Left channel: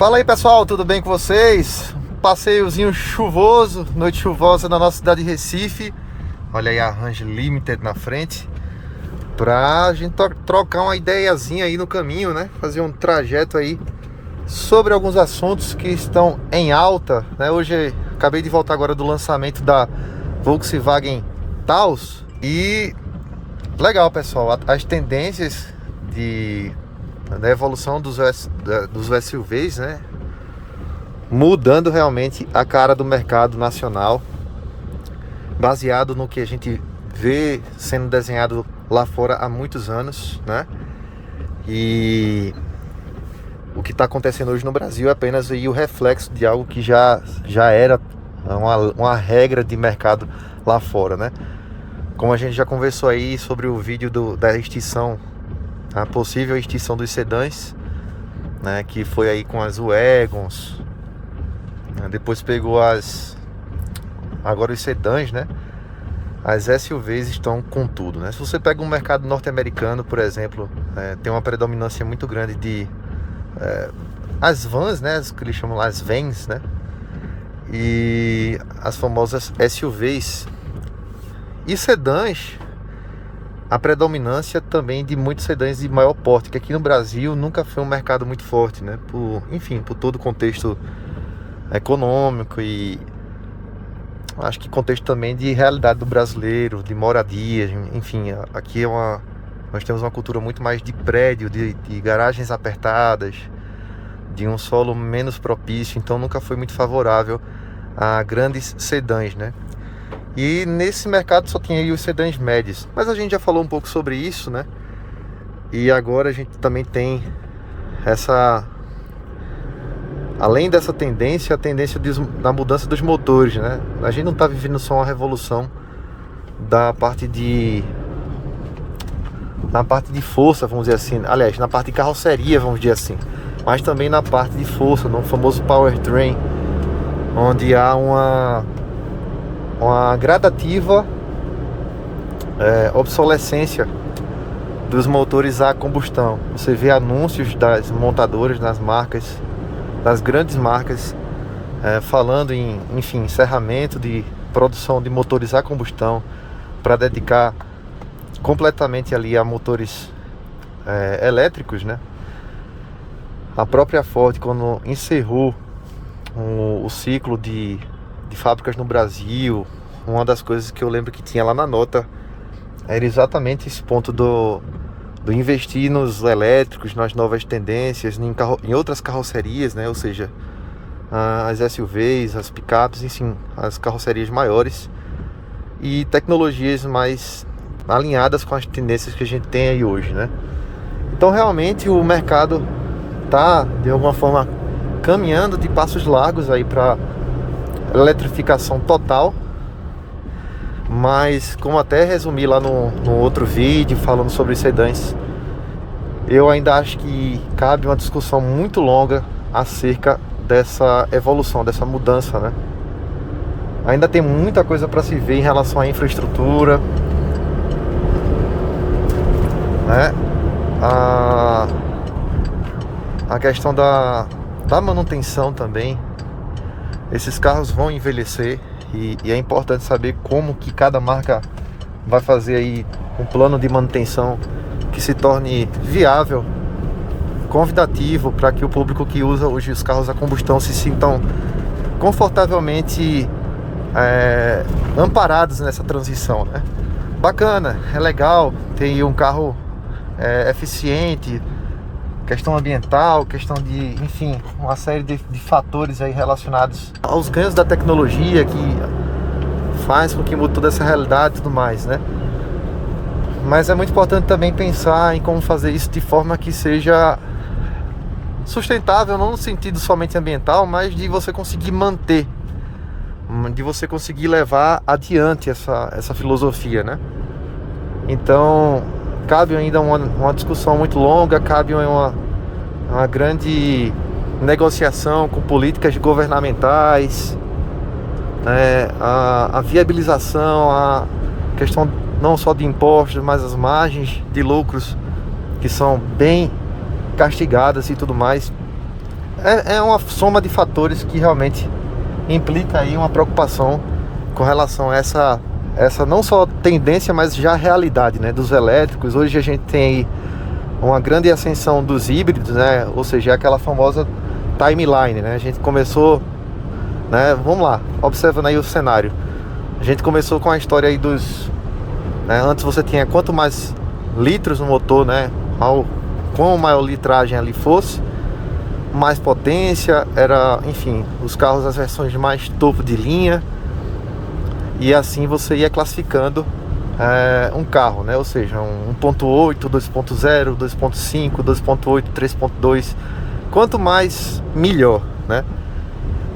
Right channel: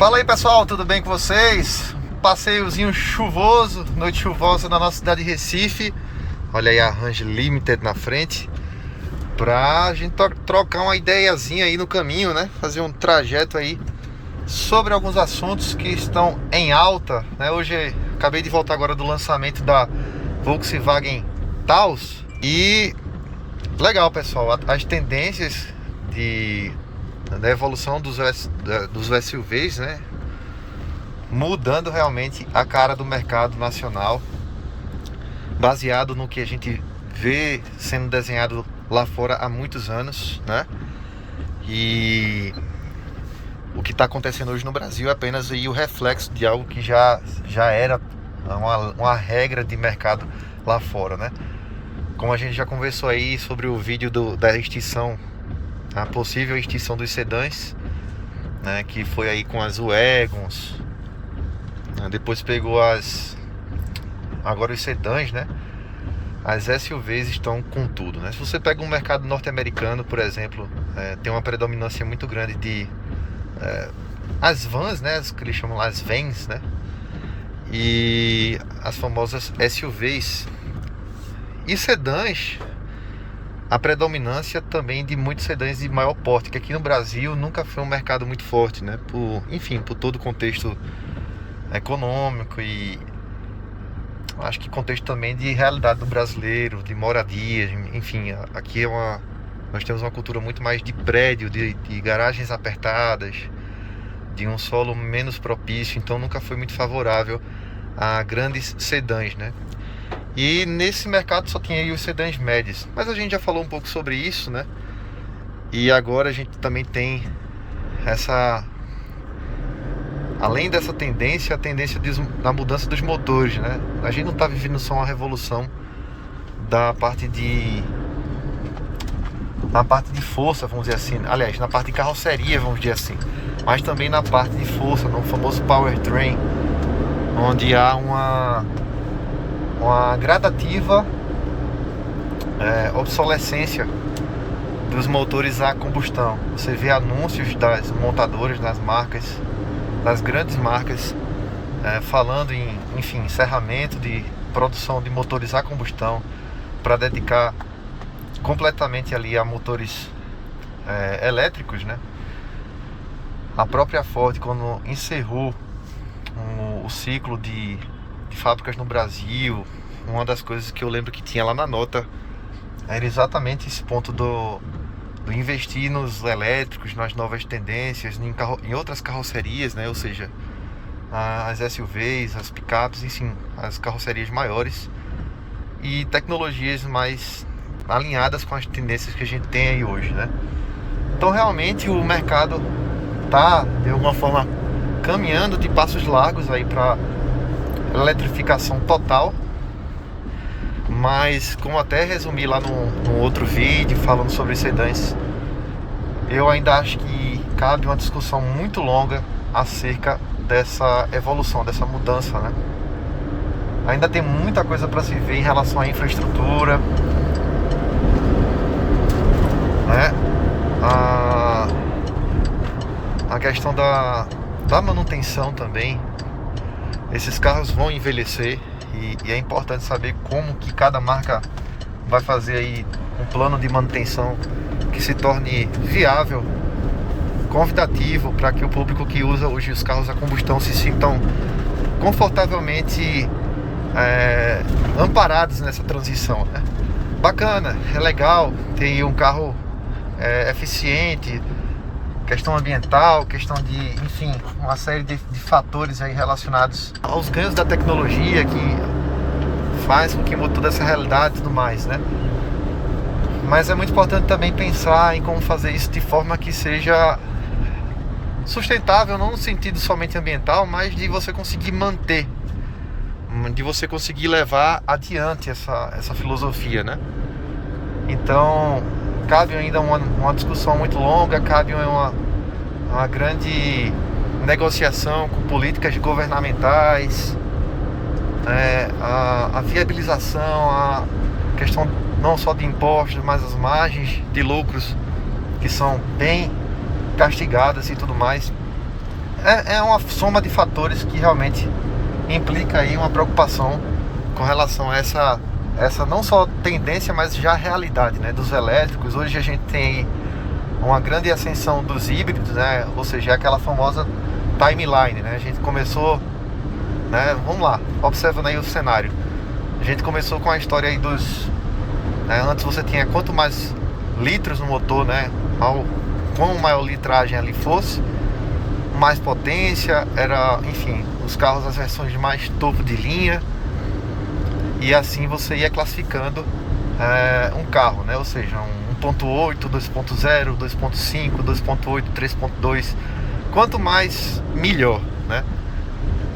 Fala aí pessoal, tudo bem com vocês? Passeiozinho chuvoso, noite chuvosa na nossa cidade de Recife. Olha aí a Range Limited na frente. Pra gente trocar uma ideiazinha aí no caminho, né? Fazer um trajeto aí sobre alguns assuntos que estão em alta, né? Hoje acabei de voltar agora do lançamento da Volkswagen Taos. E legal pessoal, as tendências da evolução dos SUVs, né? Mudando realmente a cara do mercado nacional, baseado no que a gente vê sendo desenhado lá fora há muitos anos, né? E o que está acontecendo hoje no Brasil é apenas aí o reflexo de algo que já era uma regra de mercado lá fora, né? Como a gente já conversou aí sobre o vídeo da extinção, a possível extinção dos sedãs, né? Que foi aí com as Wagons, depois pegou agora os sedãs, né? As SUVs estão com tudo, né? Se você pega um mercado norte-americano, por exemplo, tem uma predominância muito grande de as vans, né? Que eles chamam lá as vans, né? E as famosas SUVs e sedãs, a predominância também de muitos sedãs de maior porte, que aqui no Brasil nunca foi um mercado muito forte, né? Por todo o contexto econômico e acho que contexto também de realidade do brasileiro, de moradia, enfim, aqui nós temos uma cultura muito mais de prédio, de garagens apertadas, de um solo menos propício, então nunca foi muito favorável a grandes sedãs, né? E nesse mercado só tinha aí os sedãs médios, mas a gente já falou um pouco sobre isso, né? E agora a gente também tem além dessa tendência, a tendência da mudança dos motores, né? A gente não está vivendo só uma revolução na parte de força, vamos dizer assim. Aliás, na parte de carroceria, vamos dizer assim. Mas também na parte de força, no famoso powertrain, onde há uma gradativa obsolescência dos motores a combustão. Você vê anúncios das montadoras, das grandes marcas, falando em, enfim, encerramento de produção de motores a combustão para dedicar completamente ali a motores elétricos, né? A própria Ford, quando encerrou o ciclo de fábricas no Brasil, uma das coisas que eu lembro que tinha lá na nota era exatamente esse ponto do investir nos elétricos, nas novas tendências, em outras carrocerias, né? Ou seja, as SUVs, as picapes, enfim, as carrocerias maiores e tecnologias mais alinhadas com as tendências que a gente tem aí hoje, né? Então realmente o mercado está de alguma forma caminhando de passos largos aí para eletrificação total. Mas como até resumi lá no outro vídeo falando sobre os sedãs, eu ainda acho que cabe uma discussão muito longa acerca dessa evolução, dessa mudança, né? Ainda tem muita coisa para se ver em relação à infraestrutura, né? A questão da manutenção também. Esses carros vão envelhecer e é importante saber como que cada marca vai fazer aí um plano de manutenção que se torne viável, convidativo, para que o público que usa hoje os carros a combustão se sintam confortavelmente amparados nessa transição, né? Bacana, é legal ter um carro eficiente, questão ambiental, questão de, enfim, uma série de fatores aí relacionados aos ganhos da tecnologia que faz com que mude toda essa realidade e tudo mais, né? Mas é muito importante também pensar em como fazer isso de forma que seja sustentável, não no sentido somente ambiental, mas de você conseguir manter, de você conseguir levar adiante essa filosofia, né? Então cabe ainda uma discussão muito longa, cabe uma grande negociação com políticas governamentais, a viabilização, a questão não só de impostos, mas as margens de lucros que são bem castigadas e tudo mais. é uma soma de fatores que realmente implica aí uma preocupação com relação a essa não só tendência, mas já realidade, né, dos elétricos. Hoje a gente tem aí uma grande ascensão dos híbridos, né, ou seja, aquela famosa timeline, né, a gente começou, né, vamos lá, observando aí o cenário, a gente começou com a história aí dos, né, antes você tinha quanto mais litros no motor, né, quanto maior litragem ali fosse, mais potência, era, enfim, os carros, as versões de mais topo de linha, e assim você ia classificando um carro, né? Ou seja, um 1.8, 2.0, 2.5, 2.8, 3.2, quanto mais, melhor, né?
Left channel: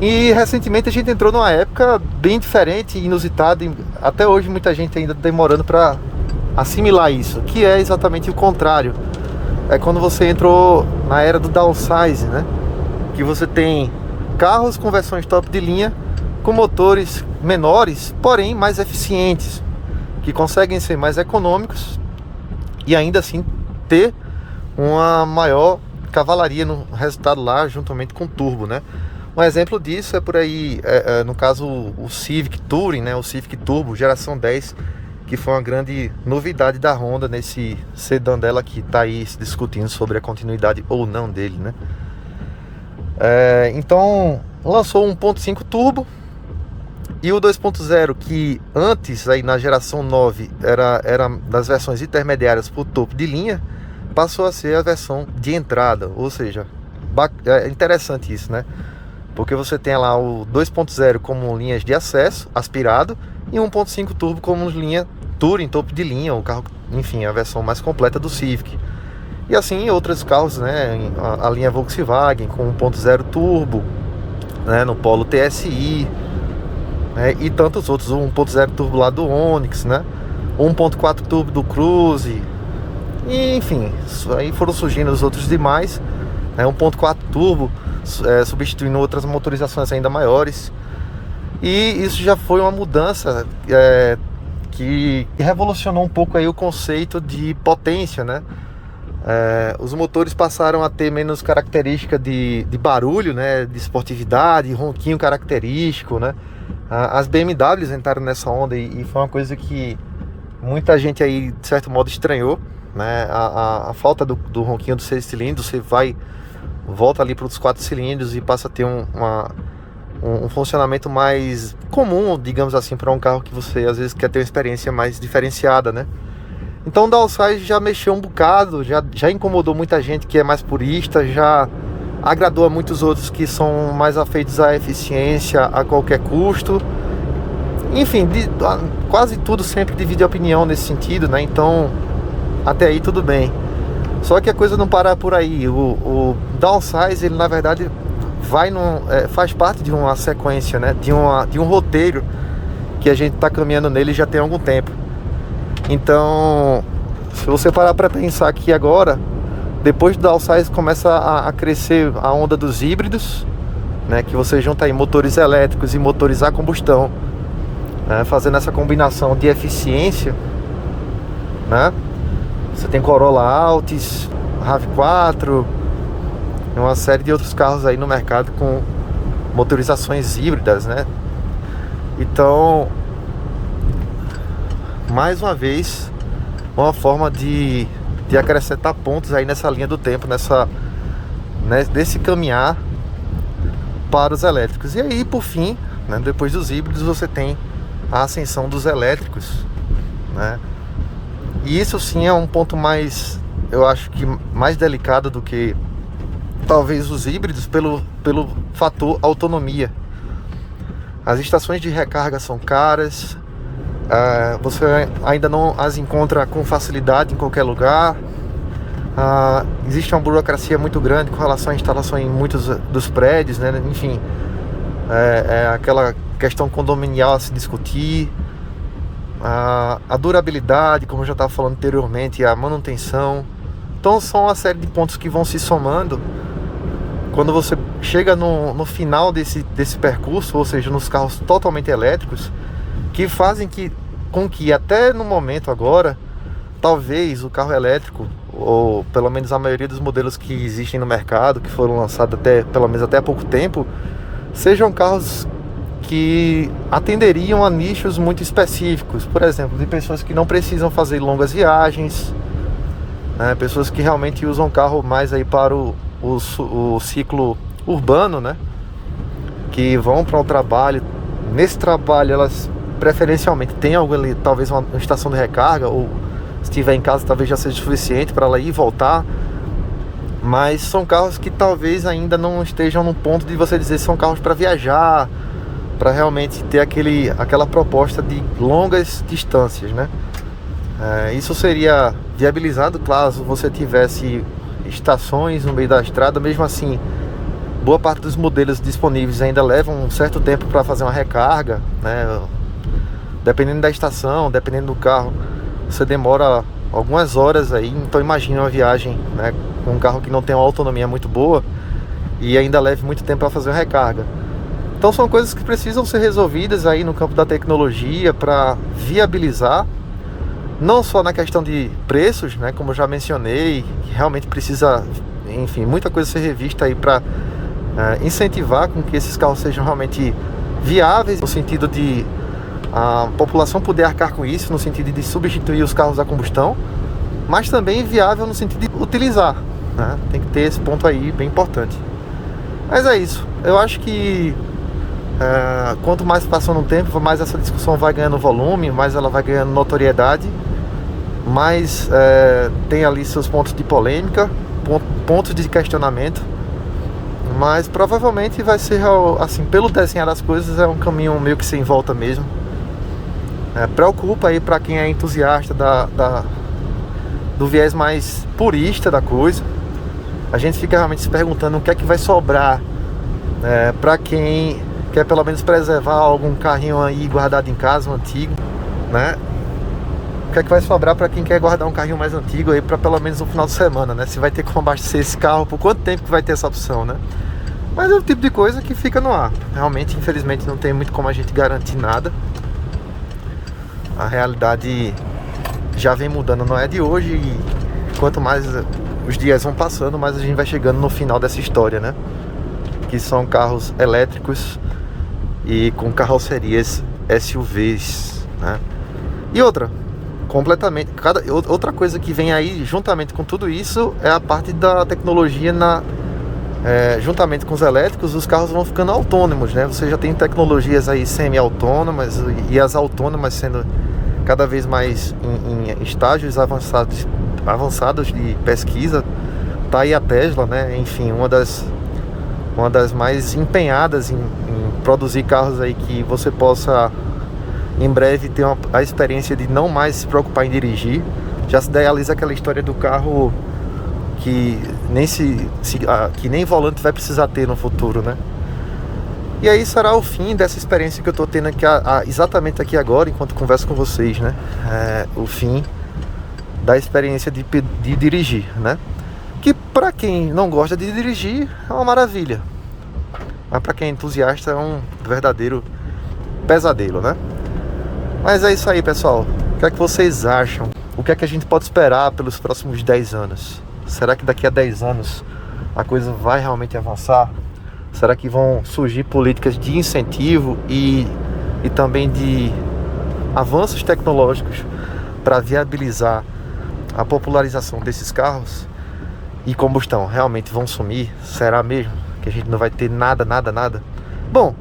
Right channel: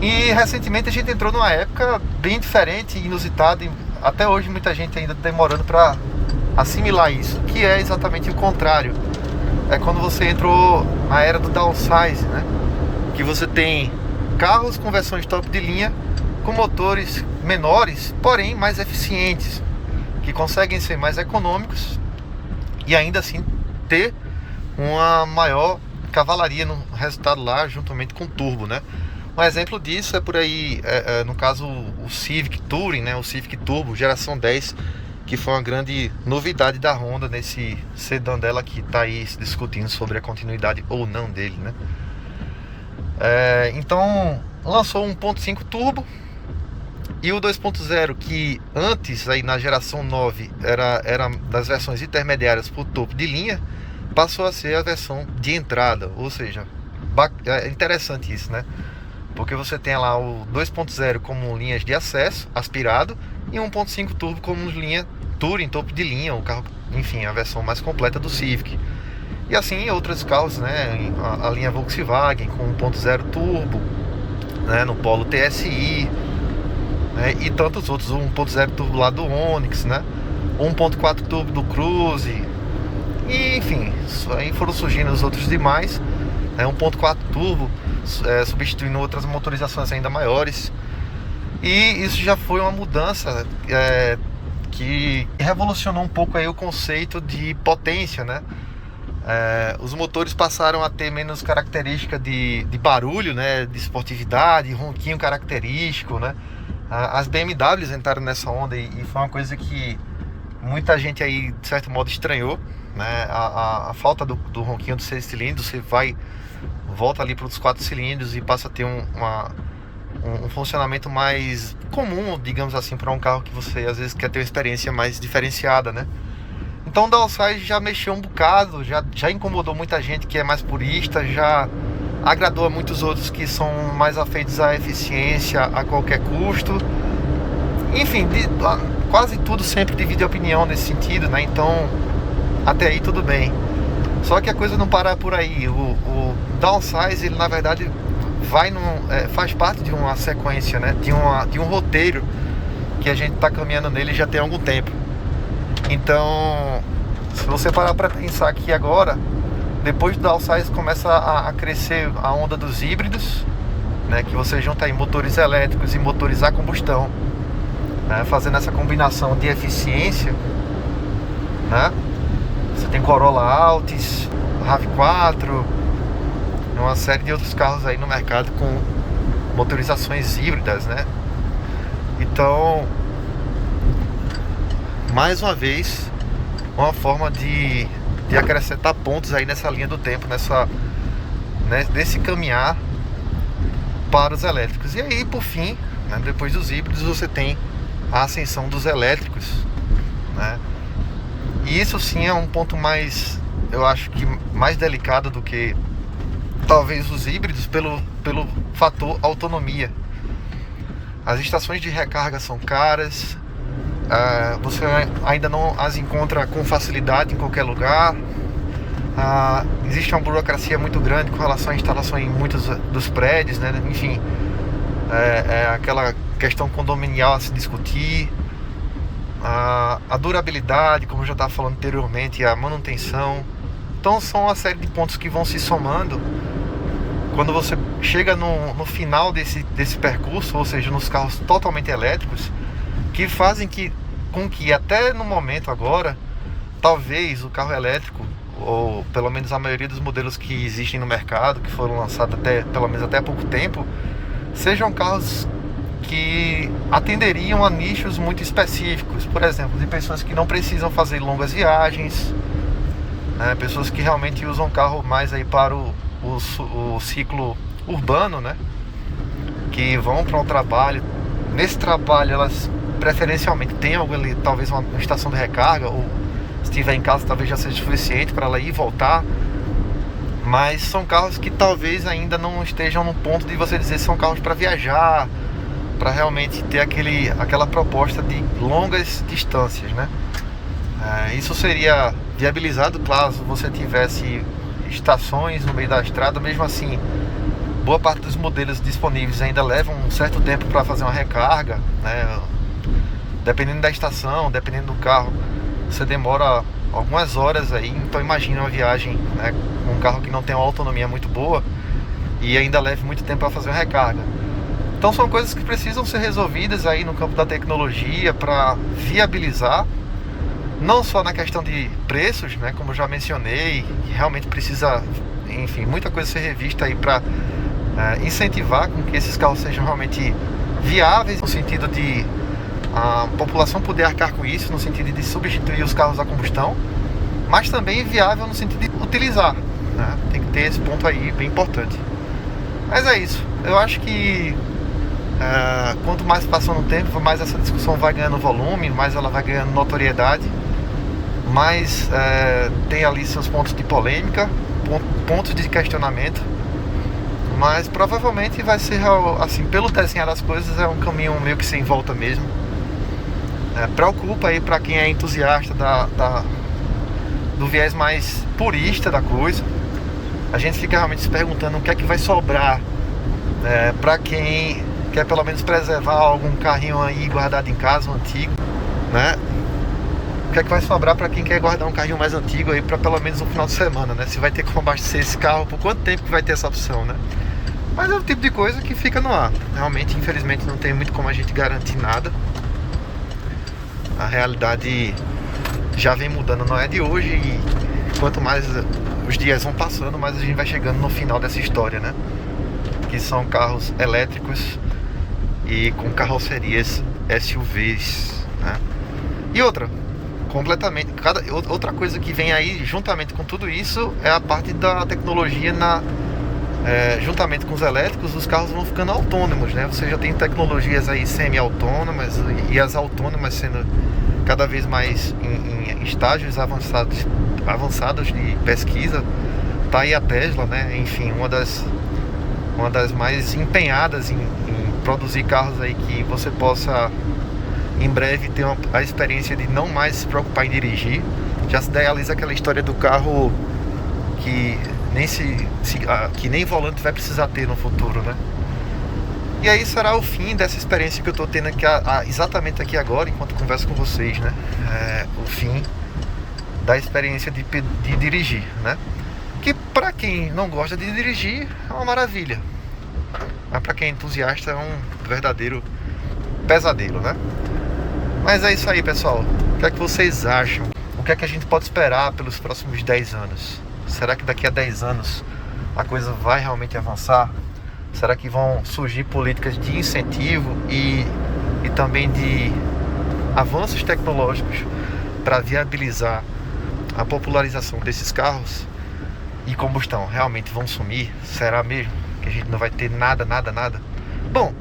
E recentemente a gente entrou numa época bem diferente, inusitada, e até hoje muita gente ainda demorando para assimilar isso, que é exatamente o contrário. É quando você entrou na era do downsize, né? Que você tem carros com versões top de linha, com motores menores, porém mais eficientes, que conseguem ser mais econômicos e ainda assim ter uma maior cavalaria no resultado lá, juntamente com turbo, né? Um exemplo disso é por aí, no caso o Civic Touring, né? O Civic Turbo geração 10, que foi uma grande novidade da Honda nesse sedã dela, que está aí se discutindo sobre a continuidade ou não dele, né? Então lançou um 1.5 turbo e o 2.0, que antes aí na geração 9 era das versões intermediárias para o topo de linha, passou a ser a versão de entrada. Ou seja, é interessante isso, né? Porque você tem lá o 2.0 como linhas de acesso aspirado e 1.5 turbo como linha Touring, topo de linha, o carro, enfim, a versão mais completa do Civic. E assim outros carros, né? A linha Volkswagen com 1.0 turbo, né? No Polo TSI, né? E tantos outros, o 1.0 turbo lá do Onix, né? 1.4 turbo do Cruze. E, enfim, aí foram surgindo os outros demais, né? 1.4 turbo, substituindo outras motorizações ainda maiores. E isso já foi uma mudança que revolucionou um pouco aí o conceito de potência, né? Os motores passaram a ter menos característica de barulho, né? De esportividade, ronquinho característico, né? As BMWs entraram nessa onda e foi uma coisa que muita gente aí, de certo modo, estranhou, né? A falta do ronquinho dos 6 cilindros. Você volta ali para os 4 cilindros e passa a ter um funcionamento mais comum, digamos assim, para um carro que você às vezes quer ter uma experiência mais diferenciada, né? Então o downsize já mexeu um bocado, já incomodou muita gente que é mais purista, já agradou a muitos outros que são mais afeitos à eficiência a qualquer custo. Enfim, quase tudo sempre divide opinião nesse sentido, né? Então até aí tudo bem. Só que a coisa não para por aí. O downsize, ele na verdade faz parte de uma sequência, né? De um roteiro que a gente está caminhando nele já tem algum tempo. Então, se você parar para pensar que agora, depois do downsize, começa a crescer a onda dos híbridos, né? Que você junta aí motores elétricos e motores a combustão, né? Fazendo essa combinação de eficiência, né? Você tem Corolla Altis, RAV4, uma série de outros carros aí no mercado com motorizações híbridas, né? Então, mais uma vez, uma forma de acrescentar pontos aí nessa linha do tempo, desse caminhar para os elétricos. E aí, por fim, né, depois dos híbridos, você tem a ascensão dos elétricos, né? E isso sim é um ponto mais, eu acho que mais delicado do que talvez os híbridos, pelo fator autonomia. As estações de recarga são caras, você ainda não as encontra com facilidade em qualquer lugar. Existe uma burocracia muito grande com relação à instalação em muitos dos prédios, né? Enfim, aquela questão condominial a se discutir. A durabilidade, como eu já estava falando anteriormente, e a manutenção. Então são uma série de pontos que vão se somando quando você chega no final desse percurso, ou seja, nos carros totalmente elétricos, que fazem com que até no momento agora, talvez o carro elétrico, ou pelo menos a maioria dos modelos que existem no mercado, que foram lançados pelo menos até há pouco tempo, sejam carros que atenderiam a nichos muito específicos, por exemplo, de pessoas que não precisam fazer longas viagens, né? Pessoas que realmente usam o carro mais aí para o ciclo urbano, né? Que vão para um trabalho. Nesse trabalho elas preferencialmente têm algo ali, talvez uma estação de recarga, ou se estiver em casa talvez já seja suficiente para ela ir e voltar. Mas são carros que talvez ainda não estejam no ponto de você dizer que são carros para viajar, para realmente ter aquela proposta de longas distâncias, né? Isso seria viabilizado caso você tivesse estações no meio da estrada. Mesmo assim, boa parte dos modelos disponíveis ainda levam um certo tempo para fazer uma recarga, né? Dependendo da estação, dependendo do carro, você demora algumas horas aí. Então imagina uma viagem, né, com um carro que não tem uma autonomia muito boa e ainda leve muito tempo para fazer uma recarga. Então são coisas que precisam ser resolvidas aí no campo da tecnologia para viabilizar, não só na questão de preços, né, como eu já mencionei, que realmente precisa, enfim, muita coisa ser revista aí para incentivar com que esses carros sejam realmente viáveis, no sentido de a população poder arcar com isso, no sentido de substituir os carros a combustão, mas também viável no sentido de utilizar, né? Tem que ter esse ponto aí bem importante. Mas é isso, eu acho que quanto mais passando o tempo, mais essa discussão vai ganhando volume, mais ela vai ganhando notoriedade, mais tem ali seus pontos de polêmica, pontos de questionamento, mas provavelmente vai ser, assim, pelo desenhar das coisas, é um caminho meio que sem volta mesmo. Preocupa aí para quem é entusiasta do viés mais purista da coisa. A gente fica realmente se perguntando o que é que vai sobrar para quem quer pelo menos preservar algum carrinho aí guardado em casa, um antigo, né? O que é que vai sobrar para quem quer guardar um carrinho mais antigo aí para pelo menos no final de semana, né? Se vai ter como abastecer esse carro, por quanto tempo que vai ter essa opção, né? Mas é o tipo de coisa que fica no ar. Realmente, infelizmente, não tem muito como a gente garantir nada. A realidade já vem mudando, não é de hoje, e quanto mais os dias vão passando, mais a gente vai chegando no final dessa história, né? Que são carros elétricos e com carrocerias SUVs, né? E outra coisa que vem aí juntamente com tudo isso é a parte da tecnologia juntamente com os elétricos. Os carros vão ficando autônomos, né? Você já tem tecnologias aí semi-autônomas e as autônomas sendo cada vez mais em estágios avançados de pesquisa. Tá aí a Tesla, né? Enfim, uma das mais empenhadas em produzir carros aí que você possa em breve ter a experiência de não mais se preocupar em dirigir. Já se idealiza aquela história do carro que nem volante vai precisar ter no futuro, né? E aí será o fim dessa experiência que eu estou tendo aqui, exatamente aqui agora, enquanto converso com vocês, né? O fim da experiência de dirigir, né? Que para quem não gosta de dirigir é uma maravilha, mas para quem é entusiasta é um verdadeiro pesadelo, né? Mas é isso aí, pessoal. O que é que vocês acham? O que é que a gente pode esperar pelos próximos 10 anos? Será que daqui a 10 anos a coisa vai realmente avançar? Será que vão surgir políticas de incentivo e também de avanços tecnológicos para viabilizar a popularização desses carros? E combustão realmente vão sumir? Será mesmo que a gente não vai ter nada? Bom,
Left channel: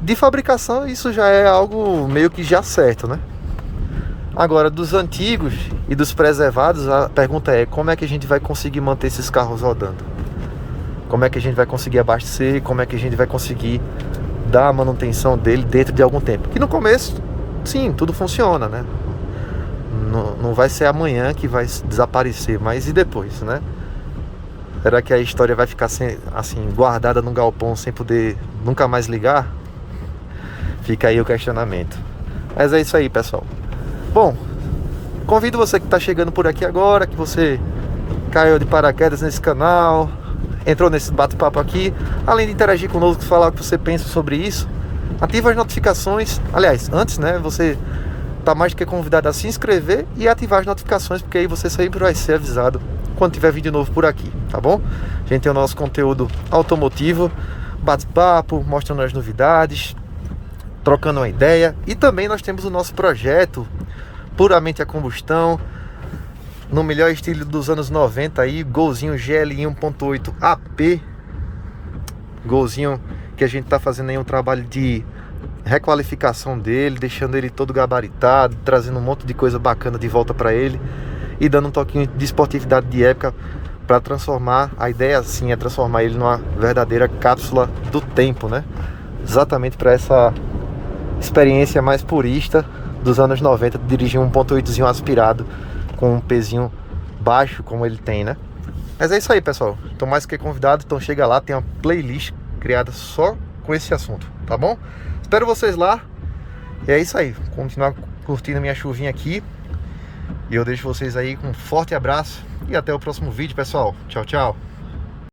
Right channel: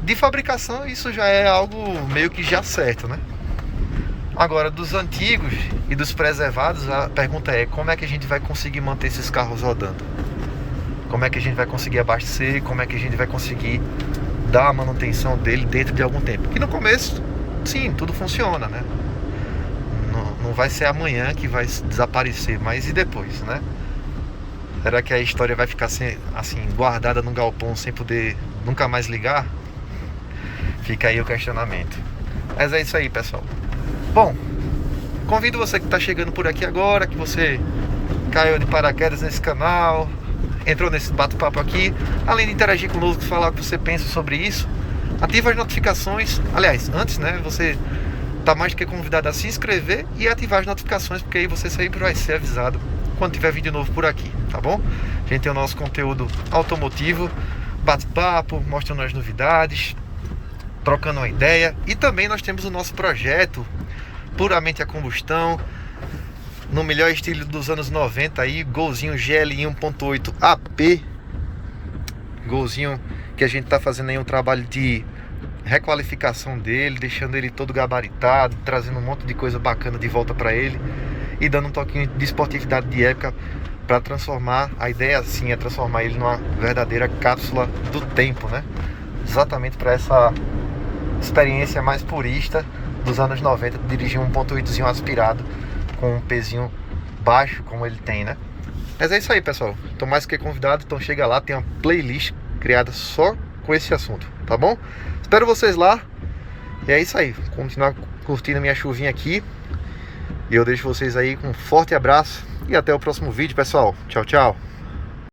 de fabricação isso já é algo meio que já certo, né? Agora, dos antigos e dos preservados, a pergunta é: como é que a gente vai conseguir manter esses carros rodando? Como é que a gente vai conseguir abastecer? Como é que a gente vai conseguir dar a manutenção dele dentro de algum tempo? Que no começo, sim, tudo funciona, né? Não vai ser amanhã que vai desaparecer, mas e depois, né? Será que a história vai ficar assim, guardada num galpão sem poder nunca mais ligar? Fica aí o questionamento. Mas é isso aí, pessoal. Bom, convido você que está chegando por aqui agora, que você caiu de paraquedas nesse canal, entrou nesse bate-papo aqui, além de interagir conosco, falar o que você pensa sobre isso, ativa as notificações. Aliás, antes, né, você está mais do que convidado a se inscrever e ativar as notificações, porque aí você sempre vai ser avisado quando tiver vídeo novo por aqui, tá bom? A gente tem o nosso conteúdo automotivo, bate-papo, mostrando as novidades, trocando uma ideia. E também nós temos o nosso projeto puramente a combustão, no melhor estilo dos anos 90 aí, Golzinho GLI 1.8 AP. Golzinho que a gente tá fazendo aí um trabalho de requalificação dele, deixando ele todo gabaritado, trazendo um monte de coisa bacana de volta para ele e dando um toquinho de esportividade de época para transformar, a ideia assim é transformar ele numa verdadeira cápsula do tempo, né? Exatamente para essa experiência mais purista dos anos 90, de dirigir um 1.8zinho aspirado com um pezinho baixo como ele tem, né? Mas é isso aí, pessoal. Então, mais que convidado, então chega lá, tem uma playlist criada só com esse assunto, tá bom? Espero vocês lá. E é isso aí. Continuar curtindo a minha chuvinha aqui. E eu deixo vocês aí com um forte abraço. E até o próximo vídeo, pessoal. Tchau, tchau.